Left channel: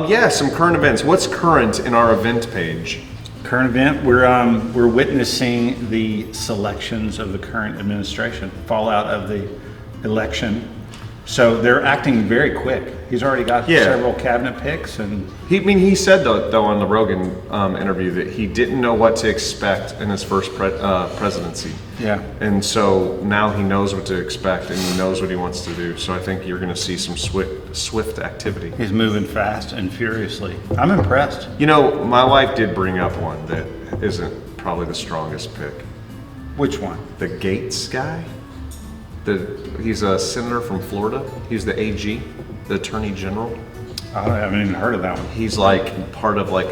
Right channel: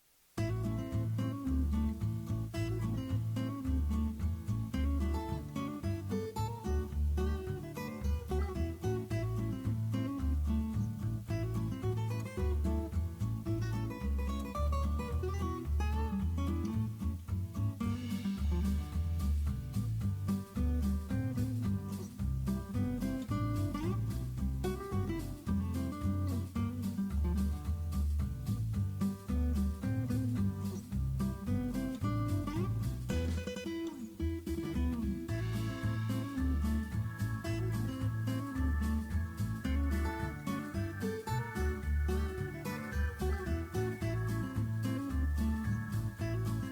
Yeah, some current events. What's current in our event page? Current event, we're witnessing the selections of the current administration, fallout of the election. So they're acting very quick. He's already got several cabinet picks, and He said though on the Rogan interview that he didn't know what to expect in his first presidency. Yeah. And so now he knows what to expect and he knows what he wants to do. So I think you're going to see some swift activity. he's moving fast and furiously. I'm impressed. You know, my wife did bring up one that isn't probably the strongest pick. Which one? The Gates guy. He's a senator from Florida. He's the AG, the Attorney General. I haven't even heard of that one. He's like part of like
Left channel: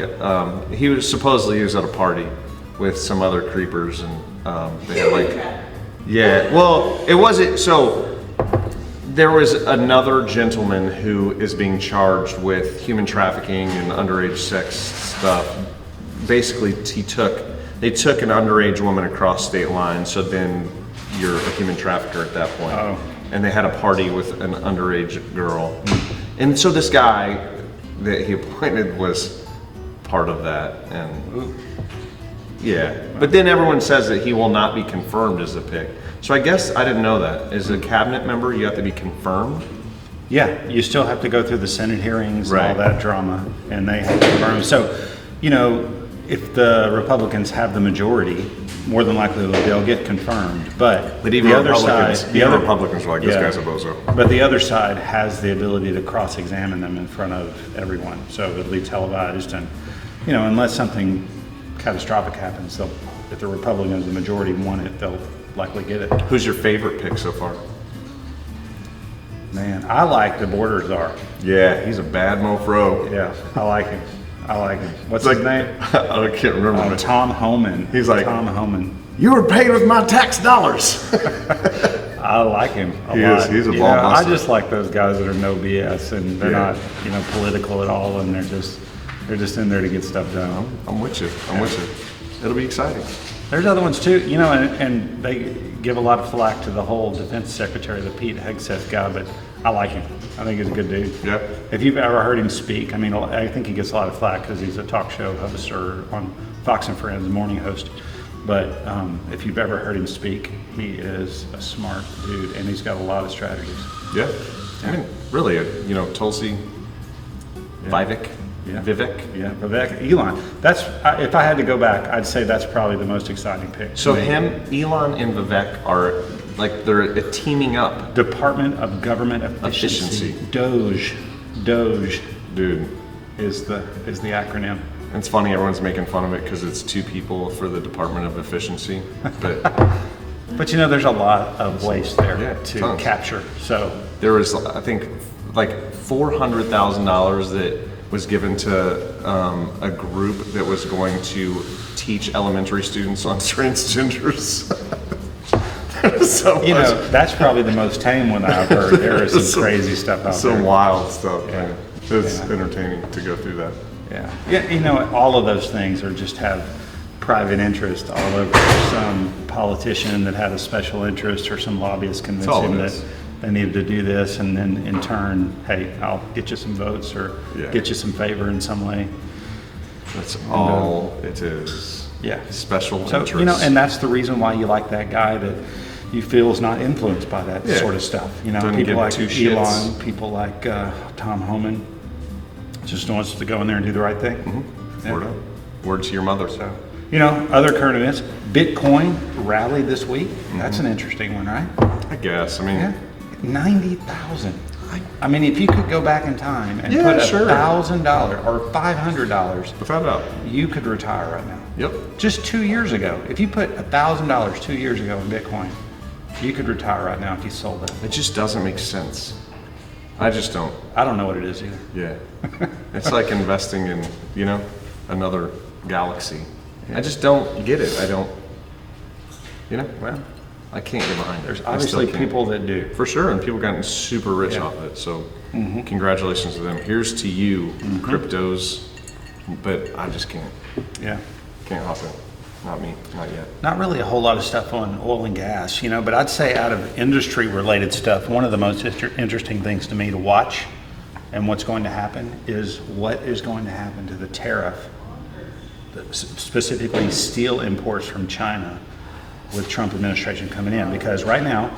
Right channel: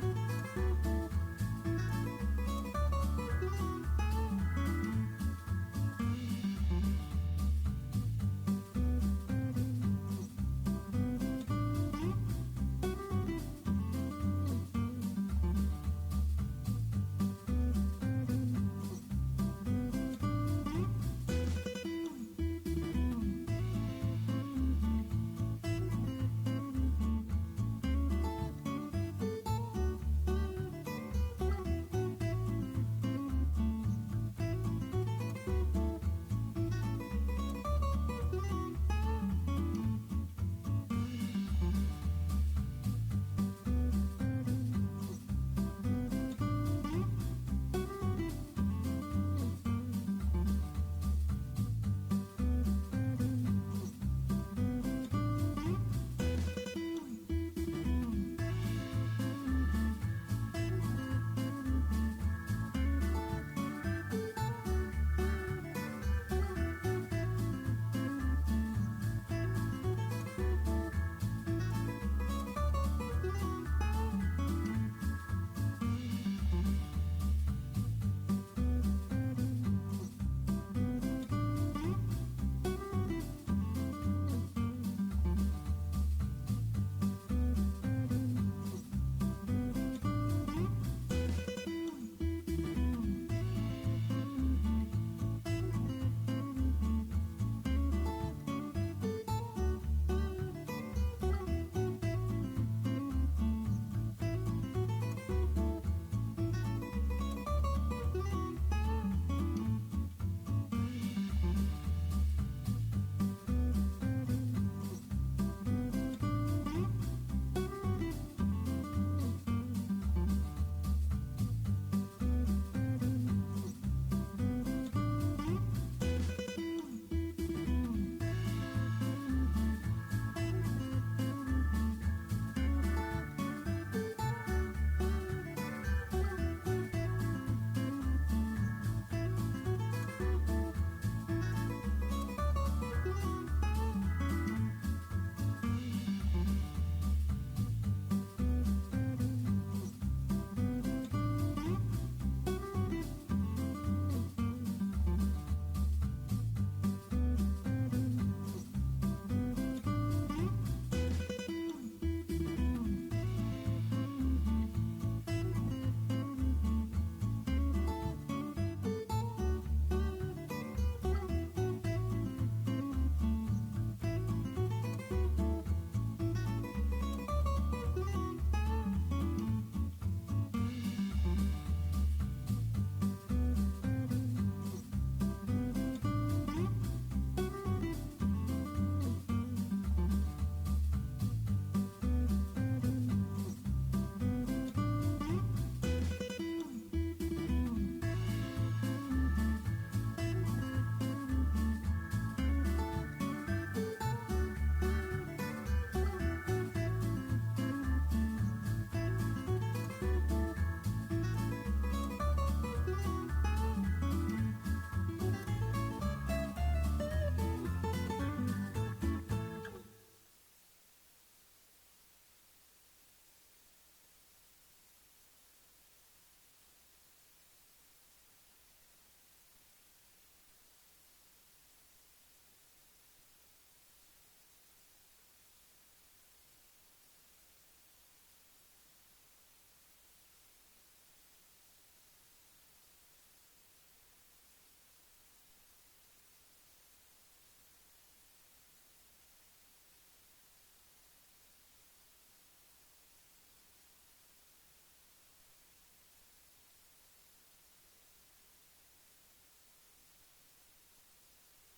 he was at a party with some other creepers and they had like well it wasn't so there was another gentleman who is being charged with human trafficking and underage sex stuff. Basically they took an underage woman across state lines, so then you're a human trafficker at that point. Oh. And they had a party with an underage girl. And so this guy that he appointed was part of that. And but then everyone says that he will not be confirmed as a pick. So I guess I didn't know that. As a cabinet member, you have to be confirmed. Yeah, you still have to go through the Senate hearings and all Right. that drama, and they have to confirm. So, if the Republicans have the majority, more than likely they'll get confirmed. But even the other side, Republicans were like, this guy's a bozo. But the other side has the ability to cross-examine them in front of everyone, so it'll be televised, and unless something catastrophic happens, if the Republicans, the majority, want it, they'll likely get it. Who's your favorite pick so far? Man, I like the border czar. Yeah, he's a bad mofro. Yeah, I like him. What's his name? I can't remember. Tom Homan. He's like, Tom Homan. You were paid with my tax dollars. I like him a He lot. is. He's a ball I buster. just like those guys that are no BS and they're not, political at all, and they're just in there to get stuff done. I'm with you. It'll be exciting. There's other ones too, and they give a lot of flack to the whole defense secretary, the Pete Hegseth guy, but I like him. I think he's a good dude. Yeah. If you've ever heard him speak, I think he gets a lot of flack because he's a talk show host or on Fox and Friends, morning host. But if you've ever heard him speak, he is a smart dude, and he's got a lot of strategies. Yeah. I mean, really, Tulsi, Vivek. Yeah. Vivek. Yeah, Vivek, Elon. That's if I had to go back, I'd say that's probably the most exciting pick. So him, Elon, and Vivek are like they're teaming up. Department of Government Efficiency. DOGE. Dude, is the acronym. it's funny. Everyone's making fun of it because it's two people for the Department of Efficiency, but But there's a lot of waste there to tons. capture. So there was, I think, like $400,000 that was given to a group that was going to teach elementary students on transgenders. So much. that's probably the most tame one I've heard. There is some crazy stuff out there. Some wild stuff. Yeah. Man. It's entertaining to go through that. Yeah, all of those things are just have private interest all over. Some politician that had a special interest or some lobbyist convinced him that they needed to do this, and then in turn, hey, I'll get you some votes or get you some favor in some way. That's all it is. Yeah. Special So, interest. and that's the reason why you like that guy that you feel is not influenced by that sort of stuff. Doesn't People give like two Elon, shits. people like Tom Homan, just wants to go in there and do the right thing. Mm-hmm. Word to your mother. So. Other current events. Bitcoin rally this week. That's an interesting one, right? I guess. I mean, 90,000. I mean, if you could go back in time and put $1,000 or $500, without a doubt, you could retire right now. Yep. Just 2 years ago, if you put $1,000 2 years ago in Bitcoin, you could retire right now if you sold it. It just doesn't make sense. I just don't. I don't know what it is either. Yeah. It's like investing in, another galaxy. I just don't get it. I don't, well, I can't get behind it. There's obviously people that do. For sure, and people gotten super rich off it. So congratulations to them. Here's to you, cryptos, but I just can't. Yeah. Can't hop in. Not me, not yet. Not really a whole lot of stuff on oil and gas, but I'd say out of industry related stuff, one of the most interesting things to me to watch And what's going to happen is what is going to happen to the tariff, specifically steel imports from China with Trump administration coming in. Because right now,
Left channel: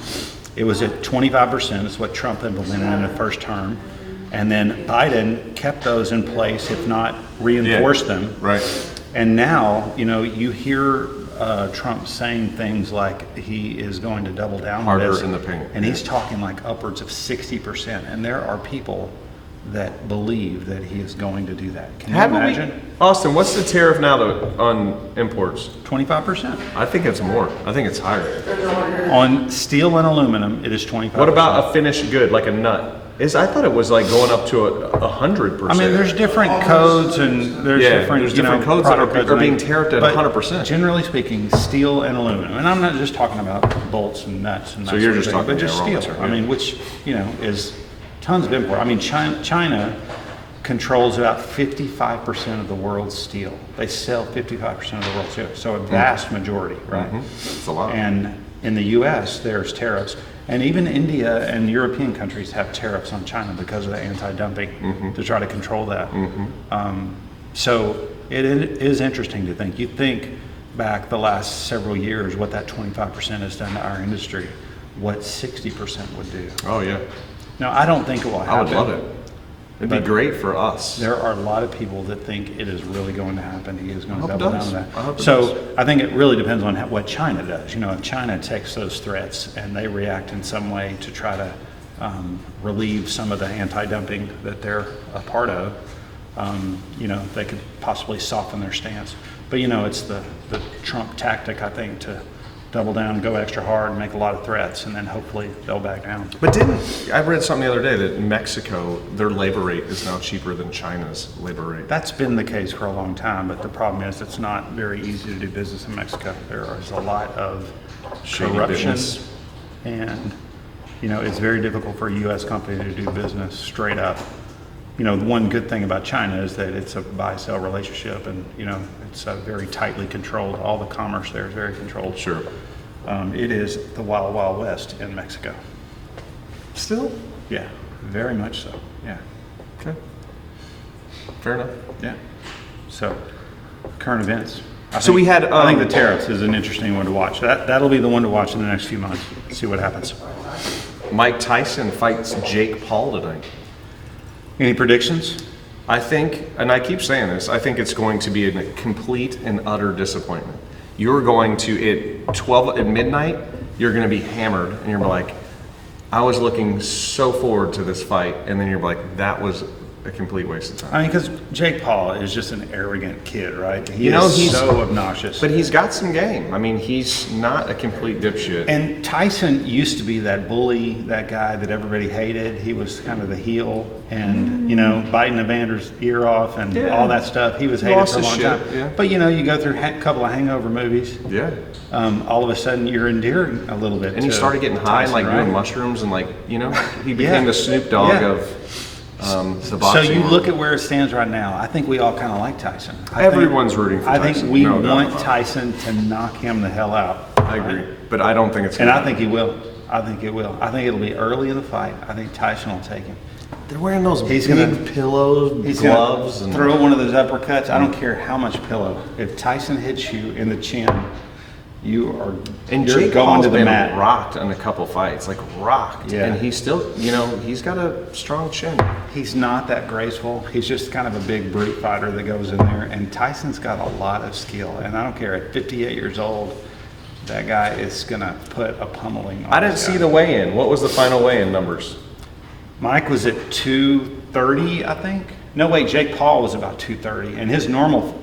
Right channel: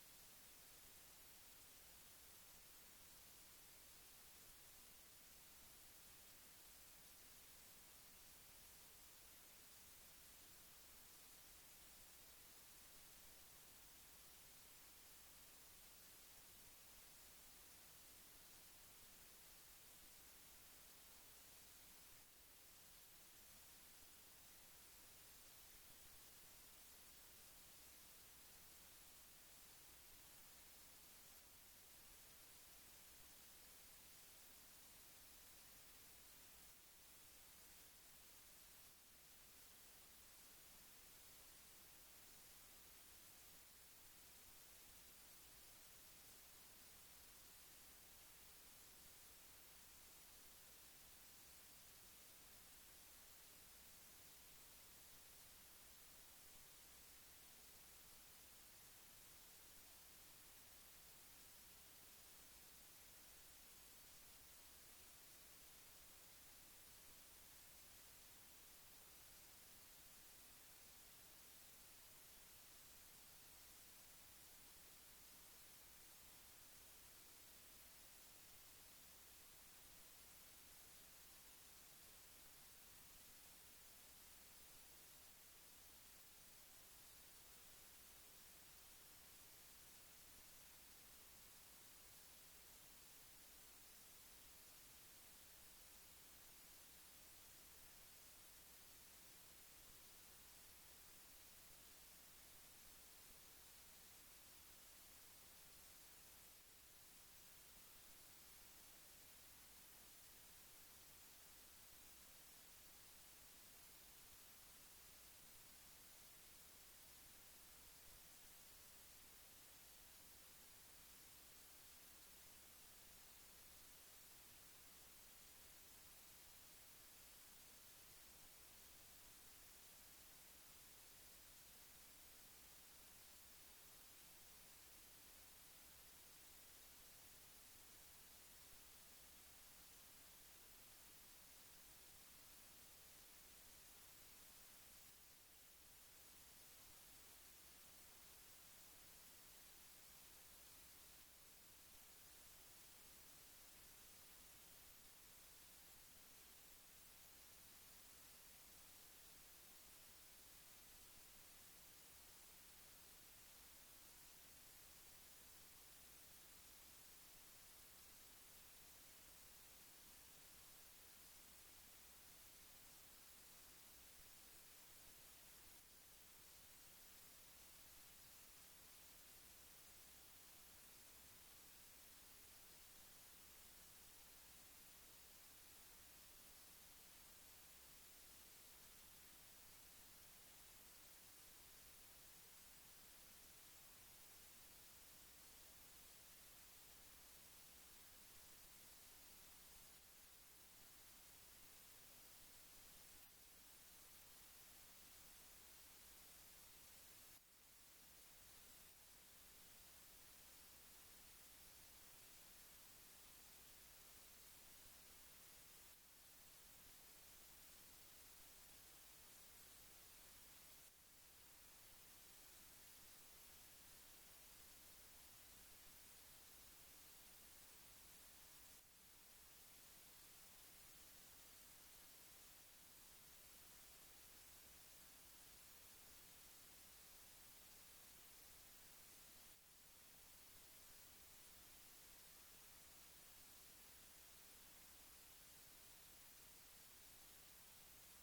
it was at 25%, is what Trump implemented in the first term. And then Biden kept those in place, if not reinforced them. Right. And now, you hear Trump saying things like he is going to double down on this. Harder in the paint. And he's talking like upwards of 60%. And there are people that believe that he is going to do that. Can you imagine? Austin, what's the tariff now on imports? 25%. I think it's more. I think it's higher. On steel and aluminum, it is 25%. What about a finished good, like a nut? I thought it was like going up to 100%. I mean, there's different codes and there's different codes that are being made, tariffed at but 100%. Generally speaking, steel and aluminum, and I'm not just talking about bolts and nuts and that So you're sort of just thing, talking but just raw steel. material, I mean, which is tons of import. I mean, China controls about 55% of the world's steel. They sell 55% of the world's steel, so a vast majority, right? It's a lot. And in the U.S., there's tariffs. And even India and European countries have tariffs on China because of the anti-dumping to try to control that. So it is interesting to think. You think back the last several years, what that 25% has done to our industry, what 60% would do. Oh, yeah. Now, I don't think it will happen. I would love it. It'd be great for us. There are a lot of people that think it is really going to happen. He is going to I hope double it down does. on I hope that. it So does. I think it really depends on what China does. If China takes those threats and they react in some way to try to relieve some of the anti-dumping that they're a part of, they could possibly soften their stance. But it's the Trump tactic, I think, to double down, go extra hard, make a lot of threats, and then hopefully they'll back down. But I read something the other day that in Mexico, their labor rate is now cheaper than China's labor rate. That's been the case for a long time, but the problem is it's not very easy to do business in Mexico. There is a lot of Shady corruption, business. and it's very difficult for a U.S. company to do business straight up. The one good thing about China is that it's a buy-sell relationship, and it's very tightly controlled. All the commerce there is very controlled. Sure. It is the wild, wild west in Mexico. Still? Yeah, very much so. Yeah. Okay. Fair enough. Yeah. So, current events. I think the tariffs is an interesting one to watch. That'll be the one to watch in the next few months. See what happens. Mike Tyson fights Jake Paul tonight. Any predictions? I think, and I keep saying this, I think it's going to be a complete and utter disappointment. You're going to, at midnight, you're going to be hammered, and you're like, I was looking so forward to this fight, and then you're like, that was a complete waste of time. I mean, because Jake Paul is just an arrogant kid, right? He's so obnoxious. But he's got some game. I mean, he's not a complete dipshit. And Tyson used to be that bully, that guy that everybody hated. He was kind of the heel, and biting Evander's ear off and all that stuff. He was hated for a long time. Yeah. But you go through a couple of hangover movies. Yeah. All of a sudden, you're endearing a little bit. And he started getting high and Tyson, doing mushrooms, and he became the Snoop Dogg of the boxing. So you world. look at where it stands right now. I think we all kind of like Tyson. Everyone's rooting for Tyson. I think we no doubt want about it. Tyson to knock him the hell out. I agree, but I don't think it's. And I think he will. I think it will. I think it'll be early in the fight. I think Tyson will take him. They're wearing those He's big gonna- pillows, He's gloves, gonna and throw one of those uppercuts. I don't care how much pillow. If Tyson hits you in the chin, you're Jake going Paul's to the been mat. rocked in a couple fights, rocked, Yeah. and he's still, he's got a strong chin. He's not that graceful. He's just kind of a big brute fighter that goes in there. And Tyson's got a lot of skill. And I don't care, at 58 years old, that guy is going to put a pummeling on I didn't this see guy. the weigh-in. What was the final weigh-in numbers? Mike was at 230, I think. No, wait, Jake Paul was about 230, and his normal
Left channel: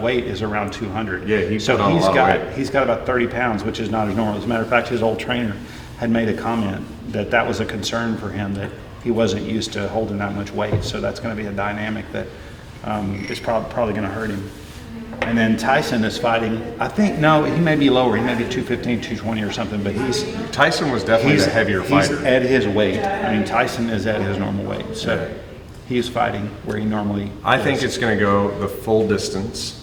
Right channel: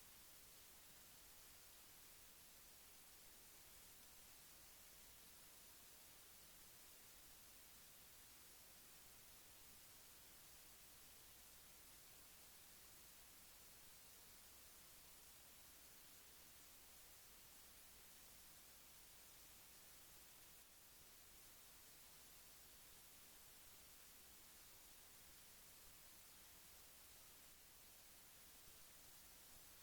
weight is around 200. Yeah, he so put on a he's lot of got weight. he's got about 30 pounds, which is not as normal. As a matter of fact, his old trainer had made a comment that was a concern for him, that he wasn't used to holding that much weight. So that's going to be a dynamic that is probably going to hurt him. And then Tyson is fighting. I think he may be lower. He may be 215, 220 or something. But Tyson was definitely the heavier fighter. He's at his weight. I mean, Tyson is at his normal weight. So he's fighting where he normally I is. think it's going to go the full distance,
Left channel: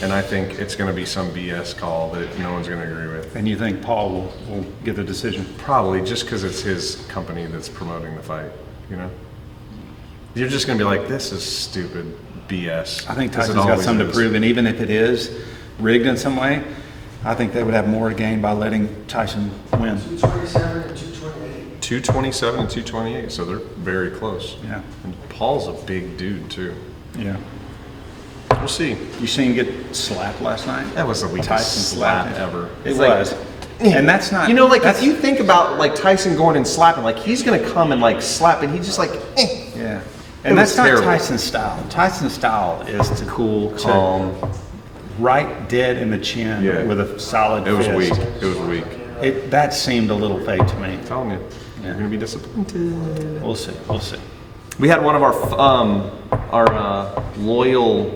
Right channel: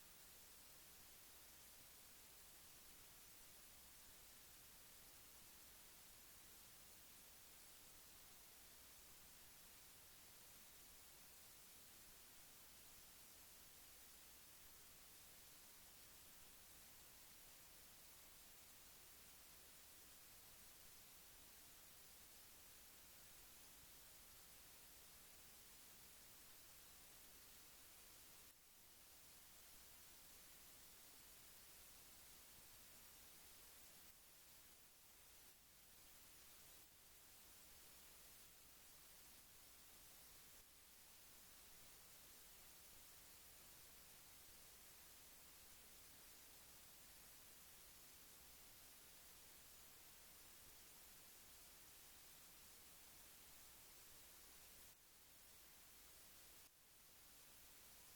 and I think it's going to be some BS call that no one's going to agree with. And you think Paul will get the decision? Probably just because it's his company that's promoting the fight, you're just gonna be like, this is stupid BS. I think 'Cause it Tyson's got always something to is. prove, and even if it is rigged in some way, I think they would have more to gain by letting Tyson win. 227 and 228. 227 and 228, so they're very close. Yeah, And Paul's a big dude too. yeah. We'll see. You seen him get slapped last night? That was the weakest Tyson slap slapped him. ever. It It's like- was. And that's not. You know, like that's, if you think about like Tyson going and slapping, like he's gonna come and like slap, and he just like, Yeah. It And was that's not terrible. Tyson's style. Tyson's style is to cool, to calm. right dead in the chin Yeah. with a solid It was fist. weak. It was weak. That seemed a little fake to me. I'm telling you, you're gonna be disappointed. We'll see. We'll see. We had one of our loyal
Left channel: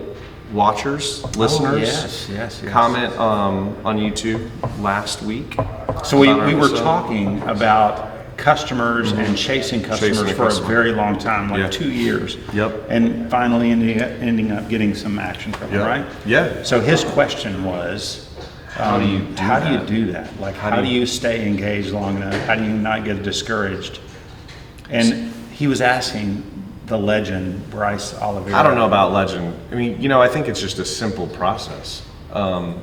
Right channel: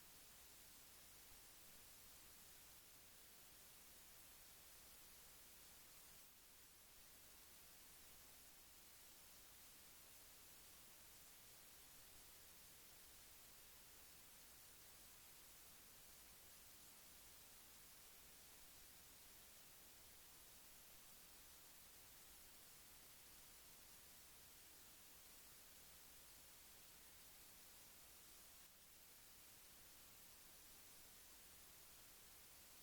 watchers, listeners, yes. comment on YouTube last week. So we about our were episode. talking about customers and chasing customers Chasing a for customer. a very long time, like Yeah. 2 years. Yep. And finally ending up getting some action from it, Yeah. right? Yeah. So his question was, How do you do how do you that? do that? Like, How how do do you- you stay engaged long enough? How do you not get discouraged? And he was asking the legend, Bryce Oliveira. I don't know about legend. I mean, you know, I think it's just a simple process.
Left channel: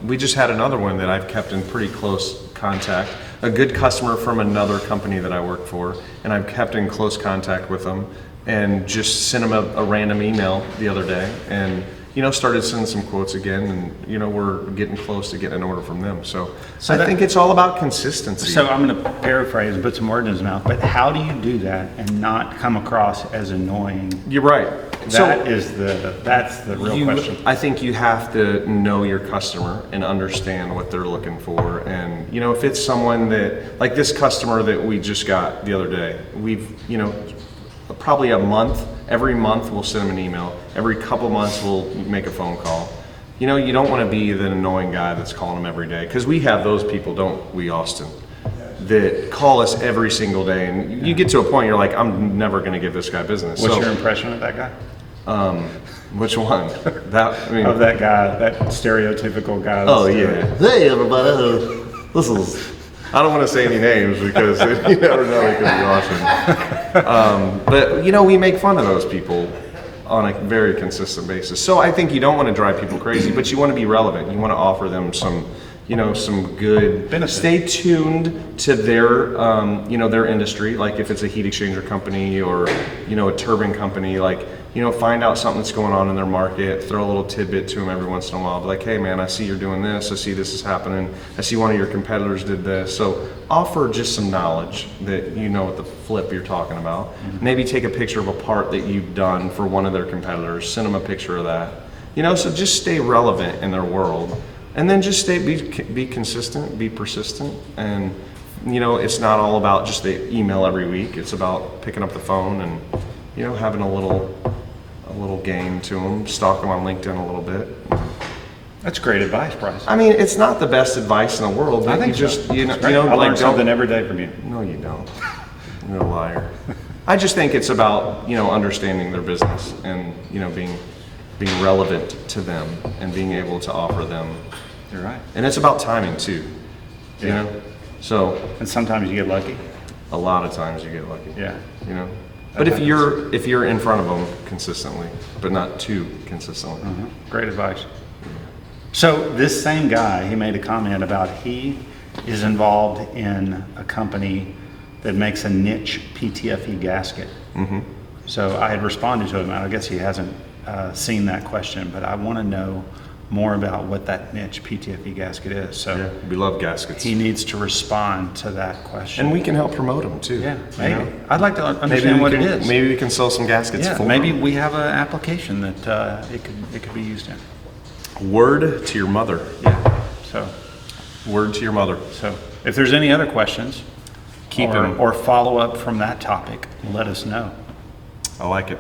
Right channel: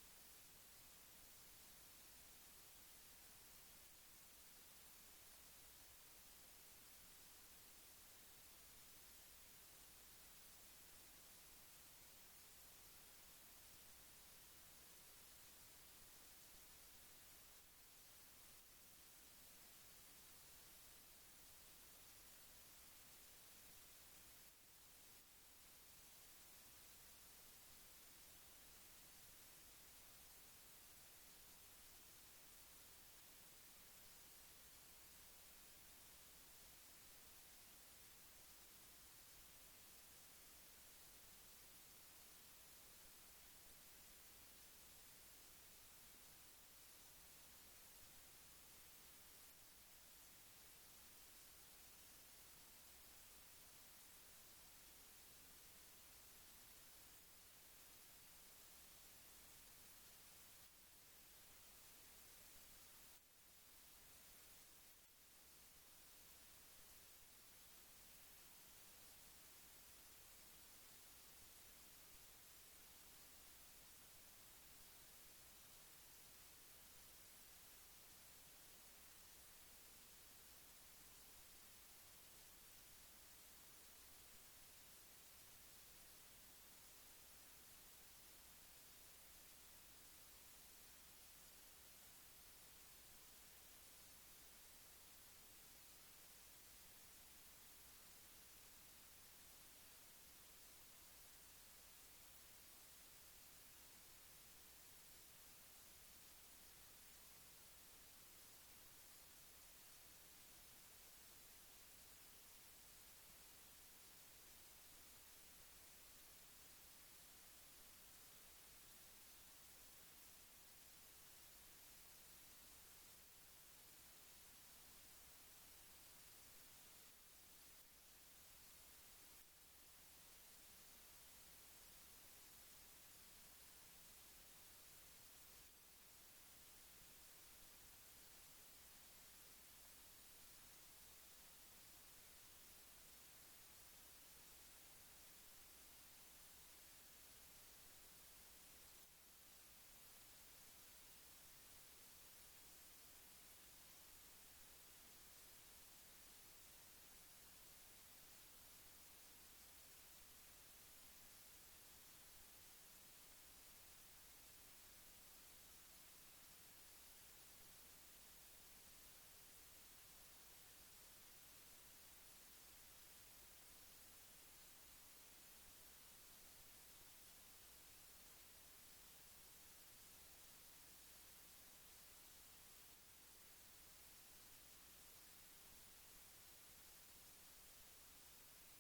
We just had another one that I've kept in pretty close contact. A good customer from another company that I work for, and I've kept in close contact with them, and just sent him a random email the other day, and you know, started sending some quotes again, and you know, we're getting close to getting an order from them. So I think it's all about consistency. So I'm going to paraphrase and put some words in his mouth, but how do you do that and not come across as annoying? You're right. That's the real question. I think you have to know your customer and understand what they're looking for. And, you know, if it's someone that, like this customer that we just got the other day, we've, you know, probably every month we'll send them an email. Every couple months we'll make a phone call. You know, you don't want to be the annoying guy that's calling them every day. Because we have those people, don't we, Austin? That call us every single day. And you get to a point you're like, I'm never going to give this guy business. What's So- your impression of that guy? Which one? That, I mean, Of that guy, that stereotypical guy? oh that's- yeah. Hey everybody, this is. I don't want to say any names because you never know, it could be awesome. But you know, we make fun of those people on a very consistent basis. So I think you don't want to drive people crazy, but you want to be relevant. You want to offer them some, you know, some good benefit. Stay tuned to their, you know, their industry. Like if it's a heat exchanger company or, you know, a turbine company, like, you know, find out something that's going on in their market, throw a little tidbit to them every once in a while. Be like, hey man, I see you're doing this, I see this is happening, I see one of your competitors did this. So offer just some knowledge that you know what the flip you're talking about. Maybe take a picture of a part that you've done for one of their competitors, send them a picture of that. You know, so just stay relevant in their world. And then just be consistent, be persistent. And you know, it's not all about just the email every week. It's about picking up the phone and, you know, having a little game to them, stalk them on LinkedIn a little bit. That's great advice, Bryce. I mean, it's not the best advice in the world, but I think you just, so. you know, It's great. I like learn something don't, every day from you. no, you don't. You're a liar. I just think it's about, you know, understanding their business and, you know, being relevant to them and being able to offer them. You're right. And it's about timing too, you Yeah. know? So And sometimes you get lucky. a lot of times you get lucky. Yeah. You know? But if you're in front of them consistently, but not too consistently. Great advice. So this same guy, he made a comment about he is involved in a company that makes a niche PTFE gasket. So I had responded to him, and I guess he hasn't seen that question, but I want to know more about what that niche PTFE gasket is. So Yeah, we love gaskets. he needs to respond to that question. And we can help promote them too. Yeah, you maybe. know? I'd like to Maybe understand we what can, it is. Maybe we can sell some gaskets Yeah, for maybe them. we have an application that it could be used in. Word to your mother. Yeah. So Word to your mother. if there's any other questions, Keep or, 'em. or follow up from that topic, let us know. I like it.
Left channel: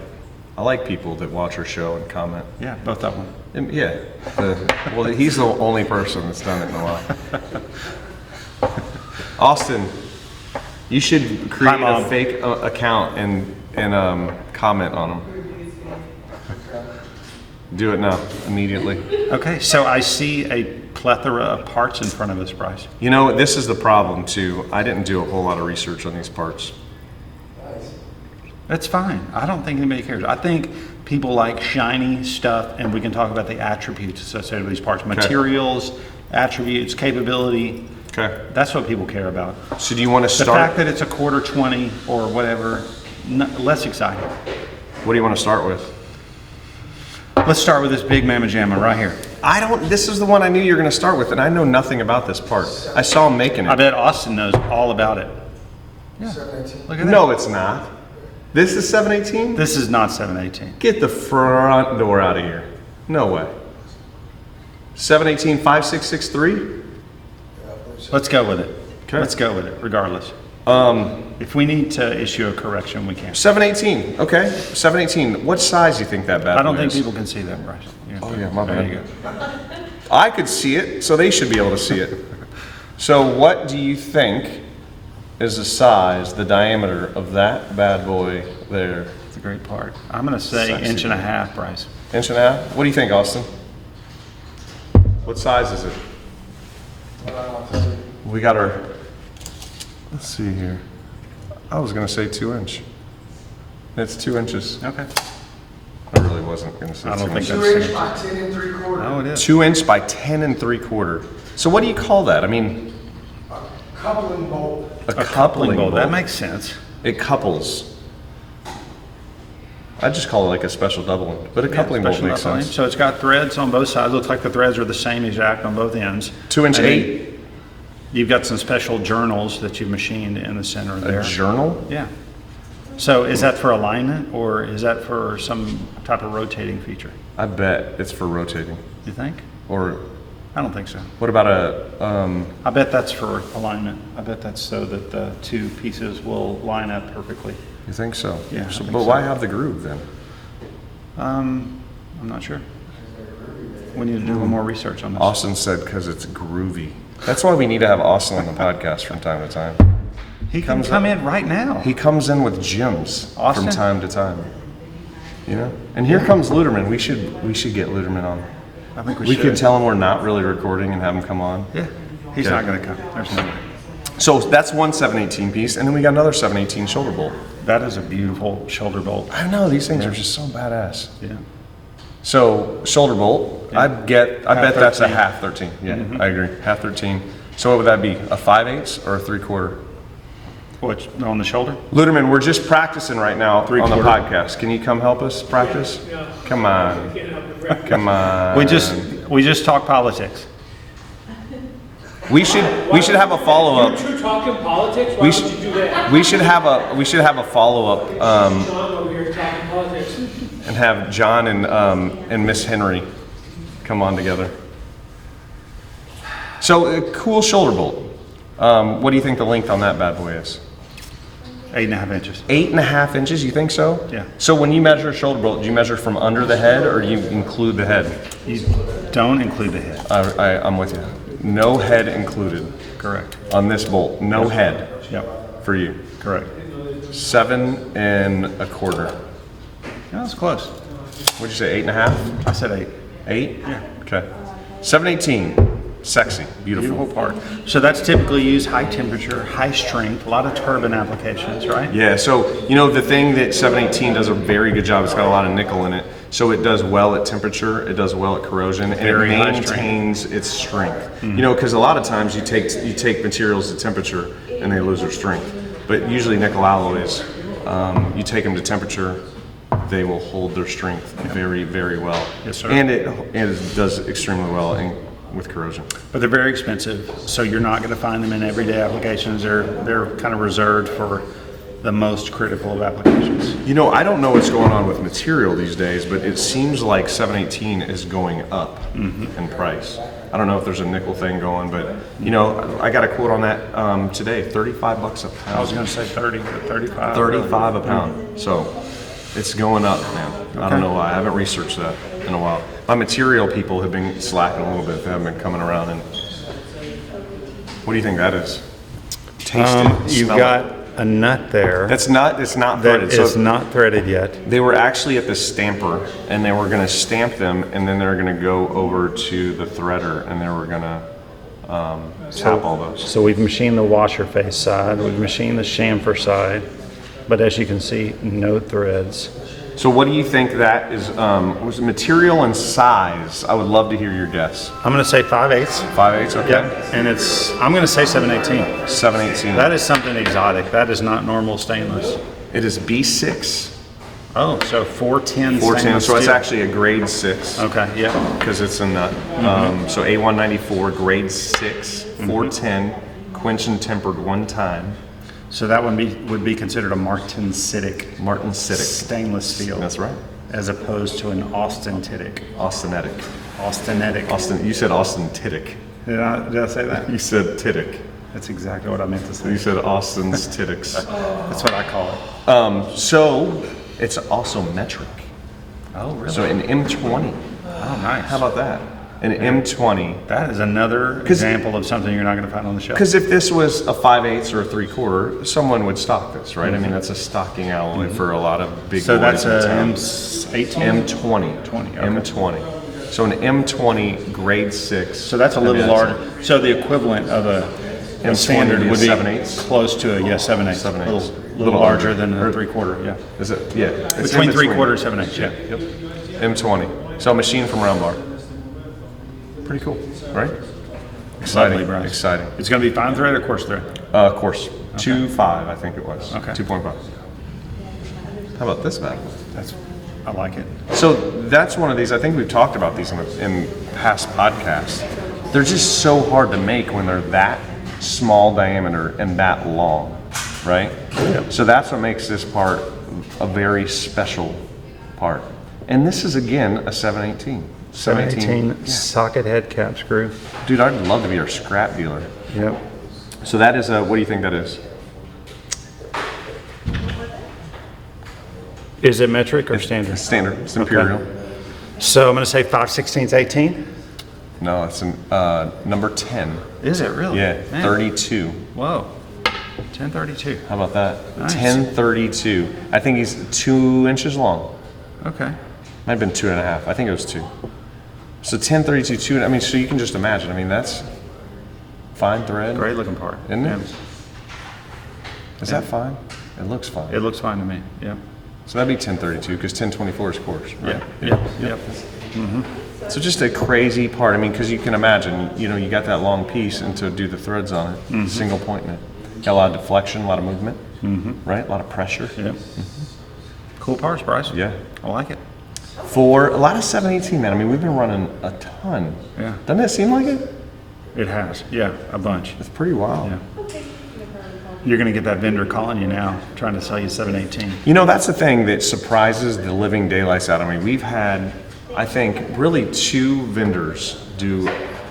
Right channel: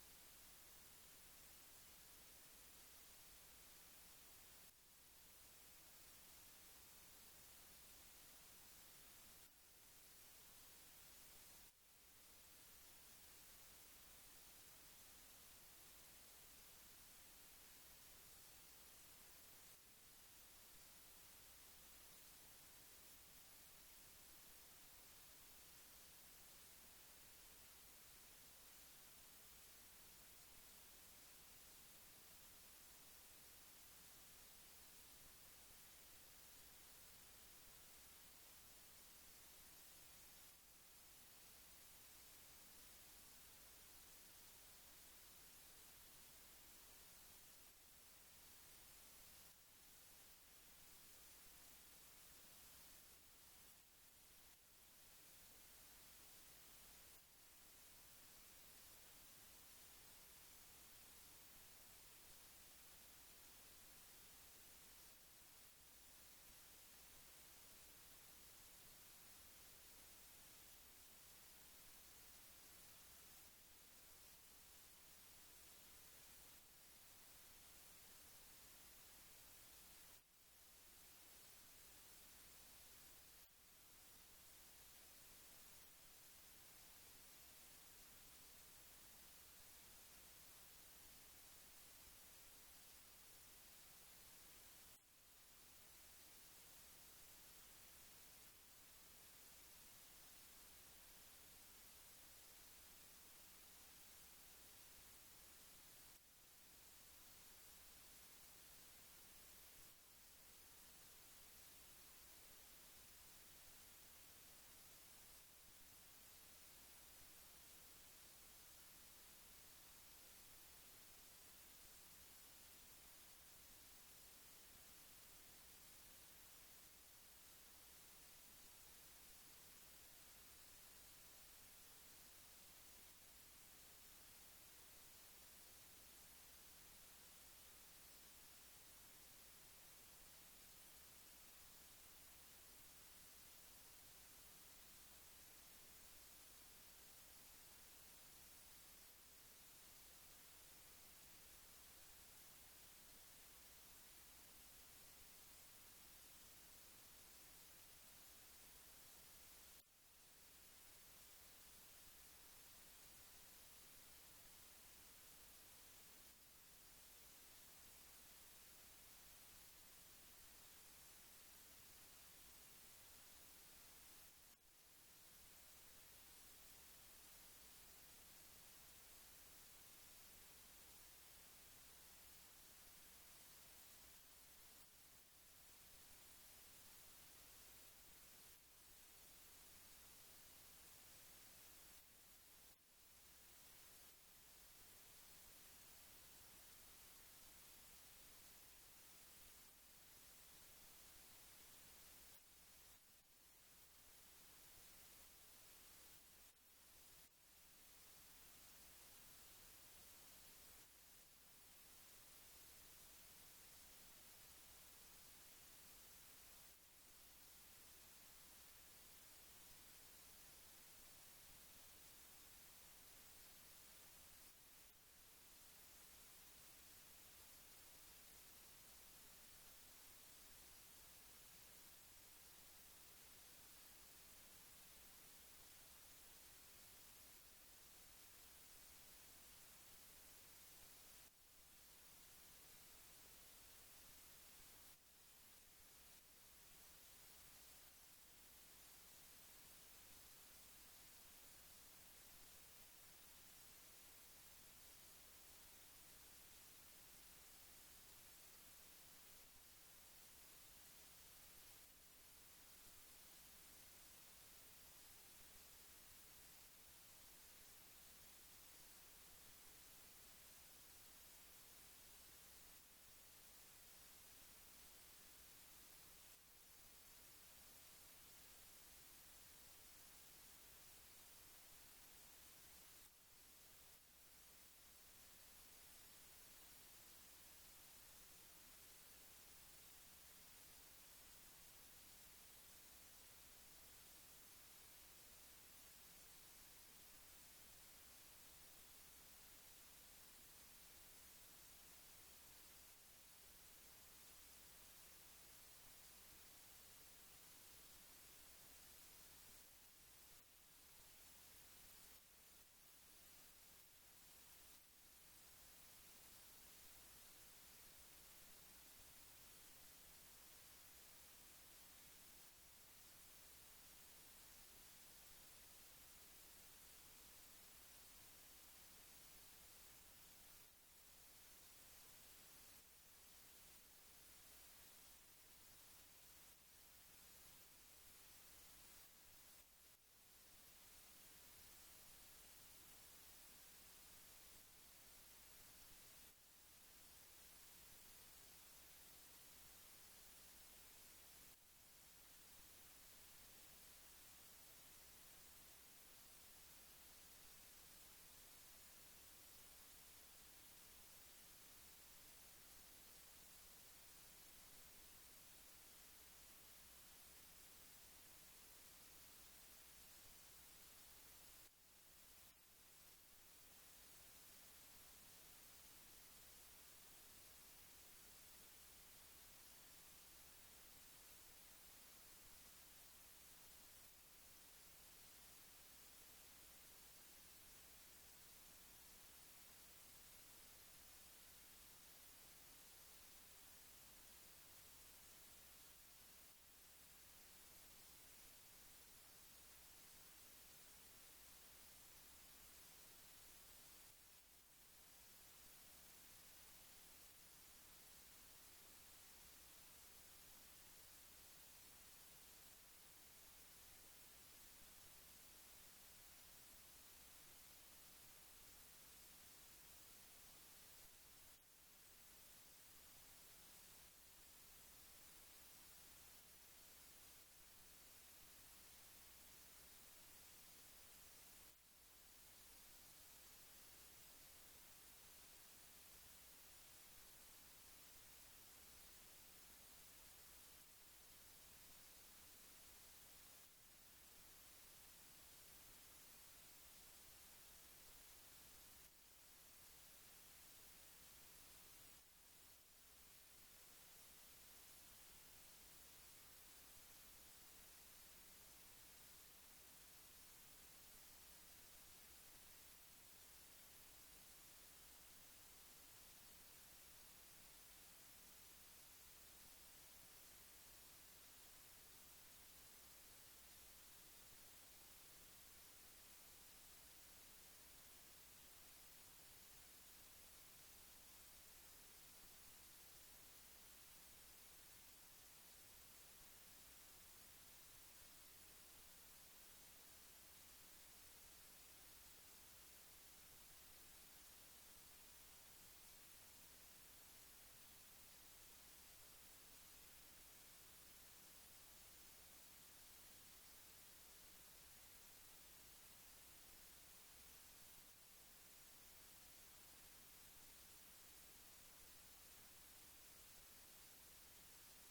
I like people that watch our show and comment. Yeah, both of them. And yeah. Well, he's the only person that's done it in a while. Austin, you should create a Mom. fake account and comment on them. Do it now, immediately. Okay, so I see a plethora of parts in front of us, Bryce. You know, this is the problem too. I didn't do a whole lot of research on these parts. That's fine. I don't think anybody cares. I think people like shiny stuff, and we can talk about the attributes associated with these parts. Materials, attributes, capability. Okay. That's what people care about. So do you want to The start? fact that it's a quarter 20 or whatever, less exciting. What do you want to start with? Let's start with this big mamma jamma right here. This is the one I knew you were going to start with, and I know nothing about this part. I saw him making I it. bet Austin knows all about it. Yeah. 718. Look at that. No, it's not. This is 718? This is not 718. Get the front door out of here. No way. 718 5663? Let's go with it. Okay. Let's go with it, regardless. If we need to issue a correction, we can. 718. Okay. 718. What size do you think that bad I don't boy think is? people can see that, Bryce. Oh yeah, my There bad. you go. I could see it, so they should be able to see it. So what do you think is the size, the diameter of that bad boy there? It's a great part. I'm going to say Sexy. 1.5 inch, Bryce. Inch and a half? What do you think, Austin? What size is it? I'll tell you. We got our, let's see here. I was gonna say 2 inch. It's 2 inches. Okay. I really wasn't gonna say I don't 2 think inches. that's- 2 inch by 10 and 3/4. Oh, it is. 2 inch by 10 and 3/4. So what do you call that? I mean, Coupling bolt. a Coupling bolt. That bolt. makes sense. It couples. I just call it like a special double end, but a coupling bolt Special makes coupling. sense. So it's got threads on both sides. Looks like the threads are the same exact on both ends. 2 inch And then 8. You've got some special journals that you've machined in the center there. A journal? Yeah. So is that for alignment or is that for some type of rotating feature? I bet it's for rotating. You think? Or I don't think so. what about a, I bet that's for alignment. I bet that's so that the two pieces will line up perfectly. you think so? Yeah, I So, think but so. why have the groove then? I'm not sure. We need to do a little more research on this. Austin said because it's groovy. That's why we need to have Austin on the podcast from time to time. He can comes come in right now. He comes in with gems Austin? from time to time. You know? And here comes Luderman. We should get Luderman on. I think we We should. could tell him we're not really recording and have him come on. Yeah. He's Okay. not going to come. There's no way. So that's one 718 piece, and then we got another 718 shoulder bolt. That is a beautiful shoulder bolt. I don't know, these things are just so badass. Yeah. So shoulder bolt, Yeah. I bet Half that's a 13. half 13. Yeah, I agree. Half 13. So what would that be? A 5/8 or a 3/4? Which, on the shoulder? Luderman, we're just practicing right now on the 3/4. podcast. Can you come help us practice? Come on. Come on. We just talk politics. We should have a follow up. You're talking politics? Why We would should you do that? we should have a follow up Sean over here talking politics. and have John and Miss Henry come on together. So a cool shoulder bolt. What do you think the length on that bad boy is? 8.5 inches. 8.5 inches, you think so? Yeah. So when you measure a shoulder bolt, do you measure from under the head or do you include the head? You don't include the head. I'm with you. No head included Correct. on this bolt. No head Yep. for you. Correct. 7 1/4. Yeah, that's close. What'd you say, 8.5? I said 8. 8? Yeah. Okay. 718. Sexy. Beautiful. Beautiful part. So that's typically used high temperature, high strength, a lot of turbine applications, right? Yeah, so the thing that 718 does a very good job, it's got a lot of nickel in it. So it does well at temperature, it does well at corrosion, and Very it high maintains its strength. Because a lot of times you take materials to temperature and they lose their strength. But usually nickel alloys, you take them to temperature, they will hold their strength very, very well. Yes, sir. And it does extremely well with corrosion. But they're very expensive, so you're not going to find them in everyday applications. They're kind of reserved for the most critical of applications. I don't know what's going on with material these days, but it seems like 718 is going up in price. I don't know if there's a nickel thing going, but I got a quote on that today, $35 a pound. I was going to say 30, but 35. 35 a pound. So it's going up, man. I don't know why. I haven't researched that in a while. My material people have been slacking a little bit. They haven't been coming around. And what do you think that is? Taste it. You've smell got it. a nut there It's not that threaded. is So not threaded yet. they were actually at the stamper, and they were going to stamp them, and then they were going to go over to the threader, and they were going to tap all those. So we've machined the washer face side, we've machined the chamfer side. but as you can see, no threads. So what do you think that is, was it material and size? I would love to hear your guess. I'm gonna say 5/8. 5/8, okay. Yep, and I'm gonna say 7/18. 7/18. That is something exotic. That is not normal stainless. It is B6. Oh, so 410 410, stainless so it's steel. actually a grade 6. Okay, yeah. Because it's a nut. So A194, grade 6, 410, quench and tempered one time. So that would be considered a martensitic Martensitic. stainless steel. That's right. As opposed to an austenitic. Austenetic. Austenetic. You said austentitic. Did I say that? You said titic. That's exactly what I meant to say. You said Austin's titics. That's what I call it. So it's also metric. Oh, really? So an M20. Oh, nice. How about that? An M20. That is another example of something you're not going to find on the shelf. Because if this was a 5/8 or a 3/4, someone would stock this, right? I mean, that's a stocking alloy for a lot of big So boys that's in a town. M18? M20. 20, okay. M20. So an M20 grade 6. So that's a little larger. So the equivalent of a M20 standard would is be 7/8. close to a 7/8. 7/8. Little larger than a 3/4. Yeah. Is it? Yeah. It's Between in 3/4 and 7/8. Yeah. Yep. M20. So machine from Round Bar. Pretty cool, right? Exciting. Lovely, Bryce. Exciting. It's going to be fine thread or coarse thread? Course. 2.5, I think it was. Okay. 2.5. How about this bad? I like it. So that's one of these. I think we've talked about these in past podcasts. They're just so hard to make when they're that small diameter and that long, right? Yeah. So that's what makes this part a very special part. And this is again a 7/18. 7/18 socket head cap screw. Dude, I'd love to be our scrap dealer. Yep. So that is a. What do you think that is? Is it metric or standard? Standard. It's imperial. So I'm going to say 5/16 18. No, it's number 10. Is it really? Yeah, Man. 32. Whoa. 1032. How about that? Nice. 1032. I think he's 2 inches long. Okay. Might have been 2.5. I think it was 2. So 1032, 2. I mean, so you can just imagine. I mean, that's fine thread. Great looking part. Isn't it? Yeah. Is that fine? It looks fine. It looks fine to me. Yeah. So that'd be 1032 because 1024 is coarse, right? Yeah. Yep. So just a crazy part. I mean, because you can imagine, you know, you got that long piece and to do the threads on it, single point in it. Got a lot of deflection, a lot of movement, right? A lot of pressure. Yep. Cool parts, Bryce. Yeah. I like it. For a lot of 718, man. I mean, we've been running a ton. Yeah. Doesn't it seem like it? It has. Yeah, a bunch. It's pretty wild. Yeah. You're going to get that vendor calling you now, trying to sell you 718. You know, that's the thing that surprises the living daylights out of me. We've had, I think, really 2 vendors do,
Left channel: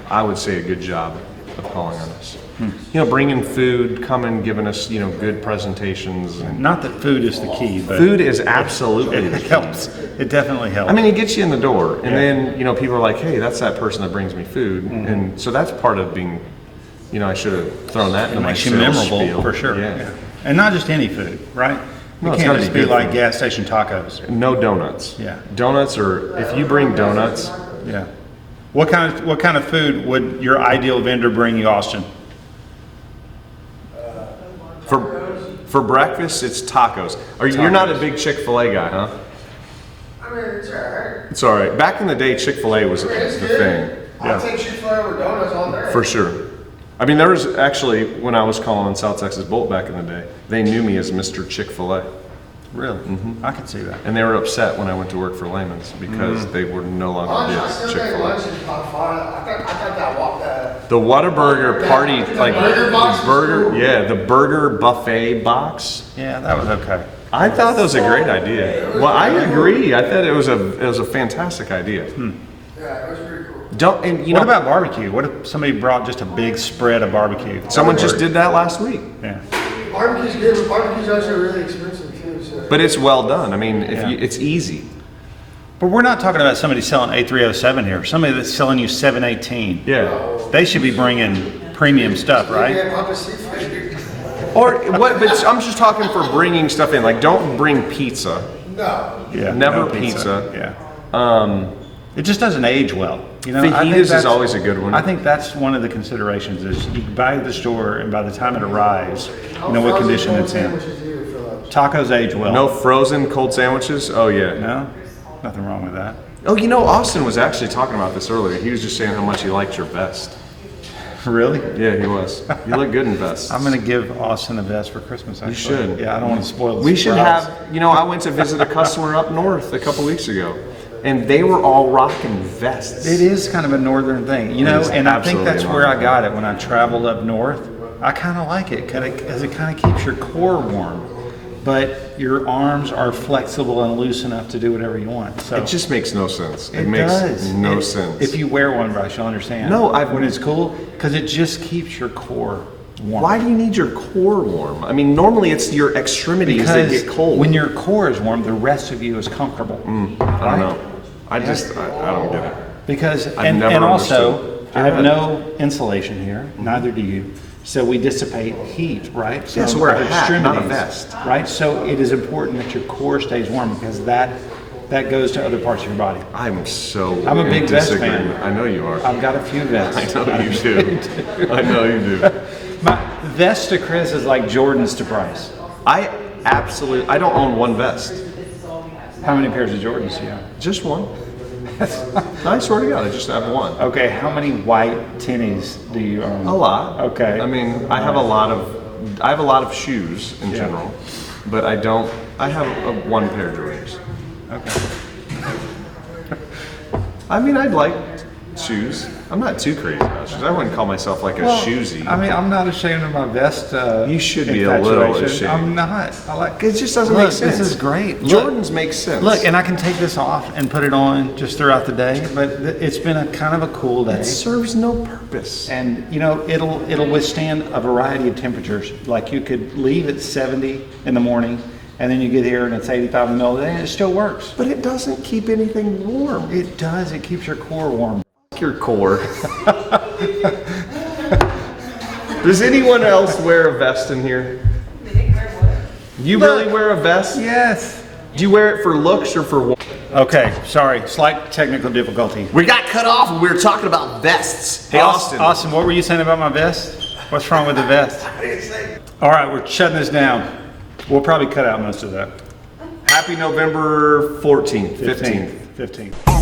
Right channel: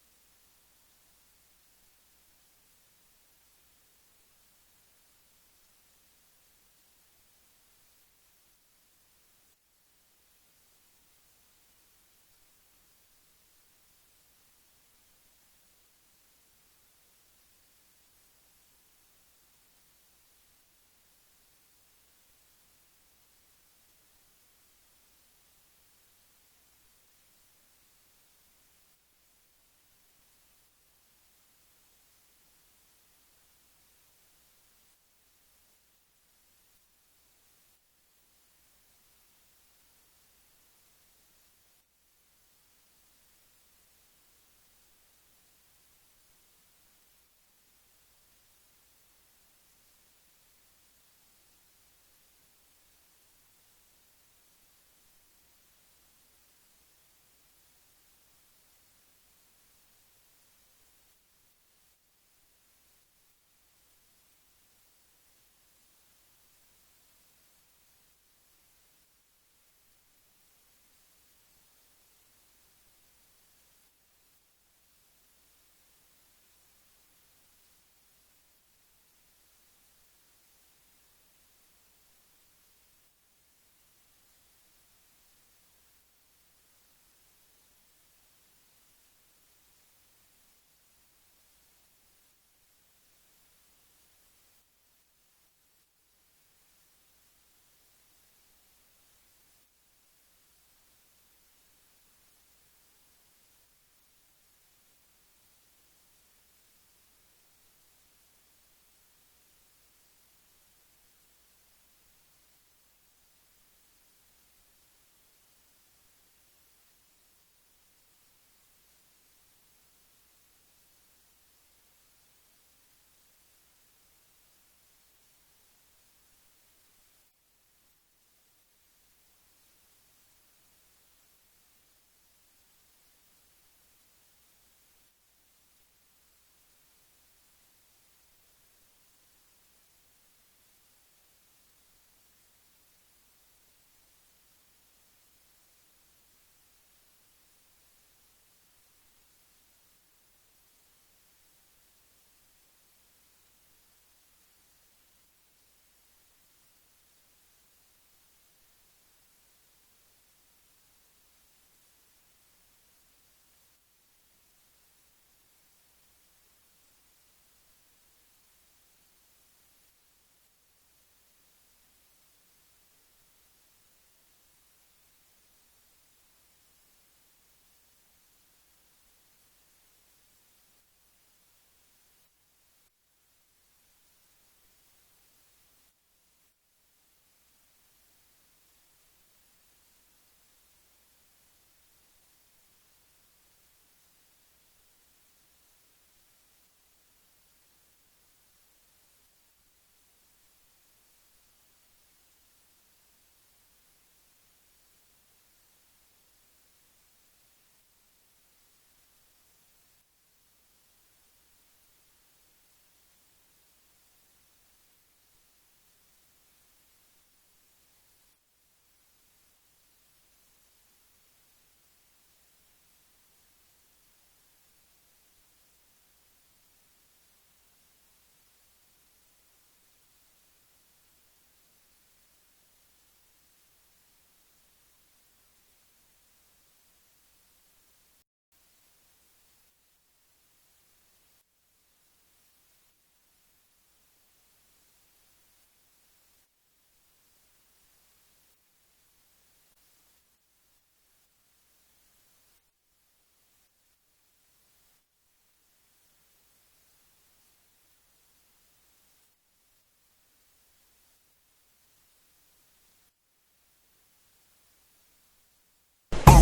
I would say, a good job of calling on us. You know, bringing food, coming, giving us, you know, good presentations. And Not that food is the key, but food is absolutely the it key. helps. It definitely helps. I mean, it gets you in the door, and Yeah. then, you know, people are like, hey, that's that person that brings me food. And so that's part of being, you know, I should have thrown that into my makes you sales memorable spiel. for sure. Yeah. Yeah. And not just any food, right? No, It it's can't gotta just be be good like food. gas station tacos. No donuts. Yeah. Donuts are, if you bring donuts, Yeah. What kind of food would your ideal vendor bring you, Austin? for breakfast, it's tacos. You're not a big Chick-fil-A guy, huh? I mean, it's alright. It's all right. Back in the day, Chick-fil-A was the It's thing. good. Yeah. I'll take Chick-fil-A over donuts all day. For sure. I mean, there was actually, when I was calling on South Texas Bolt back in the day, they knew me as Mr. Chick-fil-A. Really? I can see that. And they were upset when I went to work for Layman's because they were no longer Lunch, I get still think Chick-fil-A. lunch is about fun. I thought that The Whataburger party, like burger box is burger, cool. yeah, the burger buffet box. Yeah, that was okay. I thought that was a great idea. Well, I agree. I thought it was a fantastic idea. Yeah, it was pretty cool. Don't and you What know about barbecue? What if somebody brought just a big spread of barbecue? someone just did that last week. Yeah. Barbecue's good, but barbecue's also really expensive too. So. But it's well done. I mean, Yeah. it's easy. But we're not talking about somebody selling A307 here. Somebody that's selling you 718. Yeah. They should be bringing premium stuff, right? Yeah, Papa Seafood. Or what? But I'm just talking for bringing stuff in. Like, don't bring pizza. No. Yeah. Never no pizza. Yeah. It just doesn't age well. You know, I think Fajitas is that's- always a good one. I think that's one of the considerations is you buy at the store and by the time it arrives, you know what condition it's in. Sandwiches either for lunch. Tacos age well. No frozen cold sandwiches? Oh, yeah. No? Nothing wrong with that. Oh, you know, Austin was actually talking about this earlier. He was just saying how much he liked your vest. Really? Yeah, he was. You look good in vests. I'm going to give Austin a vest for Christmas, actually. You should. Yeah, I don't want to spoil the We should surprise. have, you know, I went to visit a customer up north a couple weeks ago, and they were all rocking vests. It is kind of a northern thing, you know, is and I think absolutely that's a where I northern got it when I traveled up north. I kind of like it because it kind of keeps your core warm, but your arms are flexible and loose enough to do whatever you want. So It just makes no sense. it makes does. no It- sense. If you wear one, Bryce, you'll understand. No, when it's cool, because it just keeps your core warm. Why do you need your core warm? I mean, normally it's your extremities that Because get cold. when your core is warm, the rest of you is comfortable. I don't know. I don't get it. Because I've never and also understood. I have no insulation here, neither do you. So we dissipate heat, right? Yeah, so wear a our hat, not a extremities, vest. Right? So it is important that your core stays warm because that goes to other parts of your body. I'm I'm a big in vest disagreement. fan. I know you are. I've got a few vests. I know you do. I know you do. My vest to Chris is like Jordan's to Bryce. I don't own one vest. How many pairs of Jordans do you have? Just one. I swear to God, I just have one. Okay, how many white tennies do you own? A lot. Okay. I mean, I have a lot of shoes in general, but I have one pair of Jordans. Okay. I mean, I'd like shoes. I'm not too crazy about shoes. I wouldn't call myself like a shoesy. I mean, I'm not ashamed of my vest. You should be a little infatuation. ashamed. I'm not. I like. It just doesn't Look, make sense. This is great. Look, Jordans make sense. Look, and I can take this off and put it on just throughout the day, but it's been a kind of a cool day. It serves no purpose. And you know, it'll withstand a variety of temperatures. Like you could leave at 70 in the morning, and then you get here and it's 85 in the middle of the day, and it still works. But it doesn't keep anything warm. It does. It keeps your core warm. Your core. Does anyone else wear a vest in here? You really wear a vest? Yes. Do you wear it for looks or for what? Okay. Sorry. Slight technical difficulty. We got cut off when we were talking about vests. Hey, Austin. Austin, what were you saying about my vest? What's wrong with the vest? All right, we're shutting this down. We'll probably cut out most of that. Happy November 14th, 15th. 15th.